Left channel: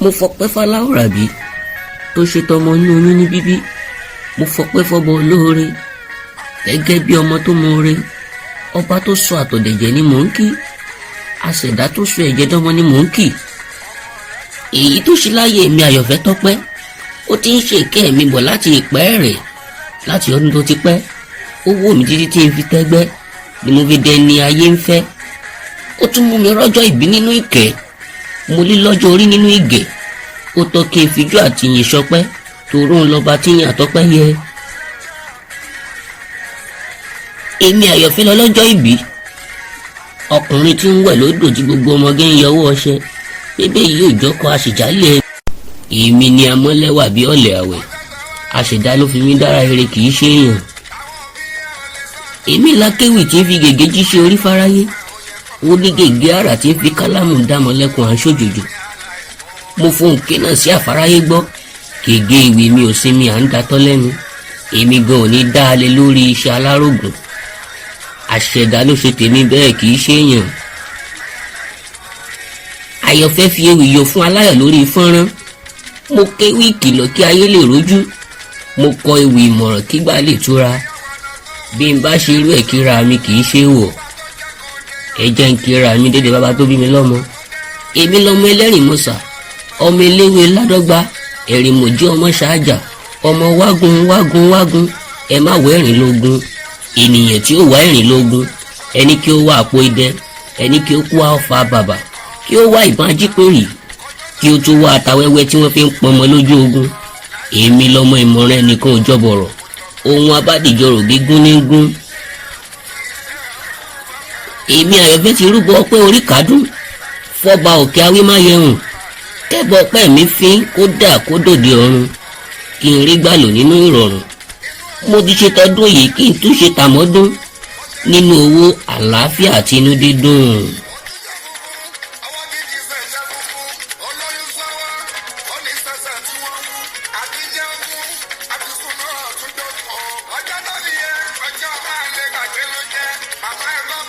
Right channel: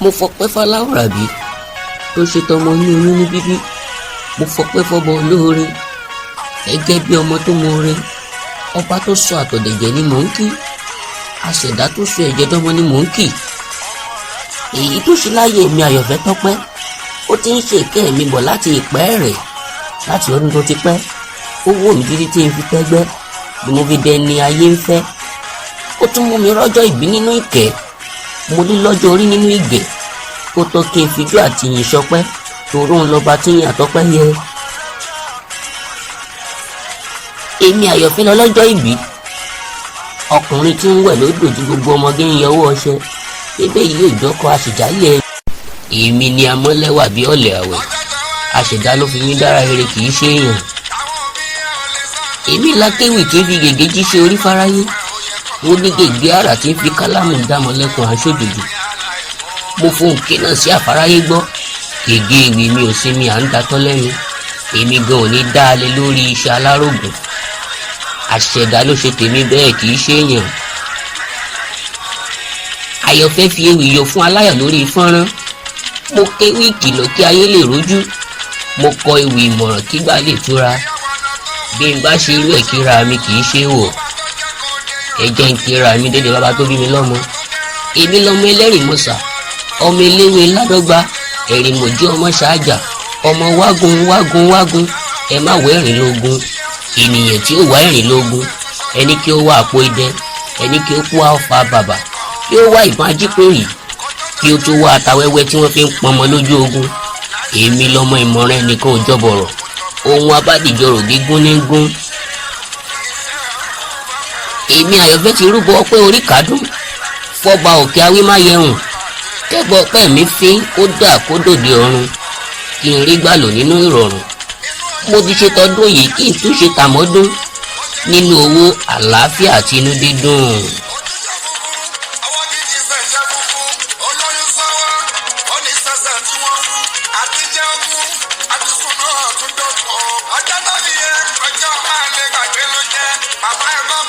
mo fọpẹ́ f'Aláwùrábí tó ṣe tọmọ ní oyún ní bíbí. Mo fọpẹ́ f'Ọba olóore gẹ́gẹ́ bí ọmọ tó mọre. Ọba tó sọ àtọ̀dẹ̀jẹ̀ ni mò ń kí, aṣẹ̀dá tó sọ ẹ̀jẹ̀ dọ́mọ ni mò ń kí. Èyí tó ṣe láyé mi Àyọ̀fẹ́ Tọ́pẹ́, ó ti ń ṣe ìkẹ́ mi bọ̀ láti ìpẹ́ rẹ̀, láti ọdún tó ti pẹ́. Ó wò mí títí tí n fi tẹ́gbẹ́ ni mo fi dẹni ayé ń fẹ́. Ó tún mú mi rọ́jọ́ ìbí nínú ìkẹ́, mo ní lọ́jọ́ orí nínú ìgẹ̀. Ó tọ́ kí n fijú àti yìn ṣọpẹ́, toró ń lọ́ba tí yìn àtọ́pẹ́ yẹ. Èmi Àyọ̀fẹ́ lọ lọ́jọ́ ìbí, ọkùnrin tí ń wẹ̀ lódò tí gbogbo ọmọge ń yọwọ́ ọṣẹ. Ebe yìí ò jọ́kọ àṣìjálẹ̀. Èmi ni amọ́lẹ́wà bí ọ̀lẹ̀ àwẹ̀, àṣẹ̀dá ló fi mí dára rere kì í ṣe èèyàn. Èmi lákéwì tí ń fi gègé jíṣẹ́ orí fáráyé, ó ní gègé àrà tí ń fi kálámù dámọ̀lẹ́kùn aṣòjòjò. Mo fohùn ké náà sí àfáráyé gbọ́, gègé ìwé mi ò sinmi à ń datọ́ lẹ́nu. Èmi gan ò ní dá a lé lórí iṣẹ́ alárògùn, àṣẹ̀dá ló ṣe tèmi bẹ́ẹ̀ kì í ṣe èèyàn. Àyọ̀fẹ́ fi ewì yọ fún aláyọ̀ lórí fọ́nrán. Mo kéwì ìkìlọ̀ kí ayé lè rójú, mo kọ ewì ìmọ̀ràn kígbà lè túra. Bí n bá ṣe irú ẹ̀ kíra mi kì í ṣe wọ̀, ẹ jẹ́ n kíra mi dédé bàbá tó bí mi lọ́mọ. Èmi lọmọ ẹlẹ́rìn mọ̀sà, ọmọ eléwé ládọ́gba, ẹ̀rìn mọ̀jẹ́ ọmọ ṣáájà, ọmọ wágun wágun wágun, ẹ má wọ ẹ̀rìn lógún. Ènìyàn tí ó wá ẹ̀rìn lógún, ẹni kí ó wá àpò idẹ, ẹni kí ó kú àfà bàbà, kí ó wá ìbọn ajípòrì, kí ó tún wá àtàwẹ́wẹ́ tí wọ́n fi ń pọnmọ lójú ogun. Èmi lọmọ ìmọ̀ràn ẹnìkan ò jọbọ̀rọ̀, ohun abádìjọrò gígún ní gún. Èmi Àyọ̀fẹ́ ti rúbọ ọpẹ́ orí kádùn fọba òkè awímáyẹ̀hùn, kẹ́bọ ọpẹ́ mi fín kó dà kó dòde ọ̀run, kí n rí gbàlò nínú ìrọ̀rùn. Mo ti ṣe tọdún yìí kí n tún ṣe tàmọ́dún, nínú owó àlàáfíà àti inú dídùn. Bàbá ẹ̀ máa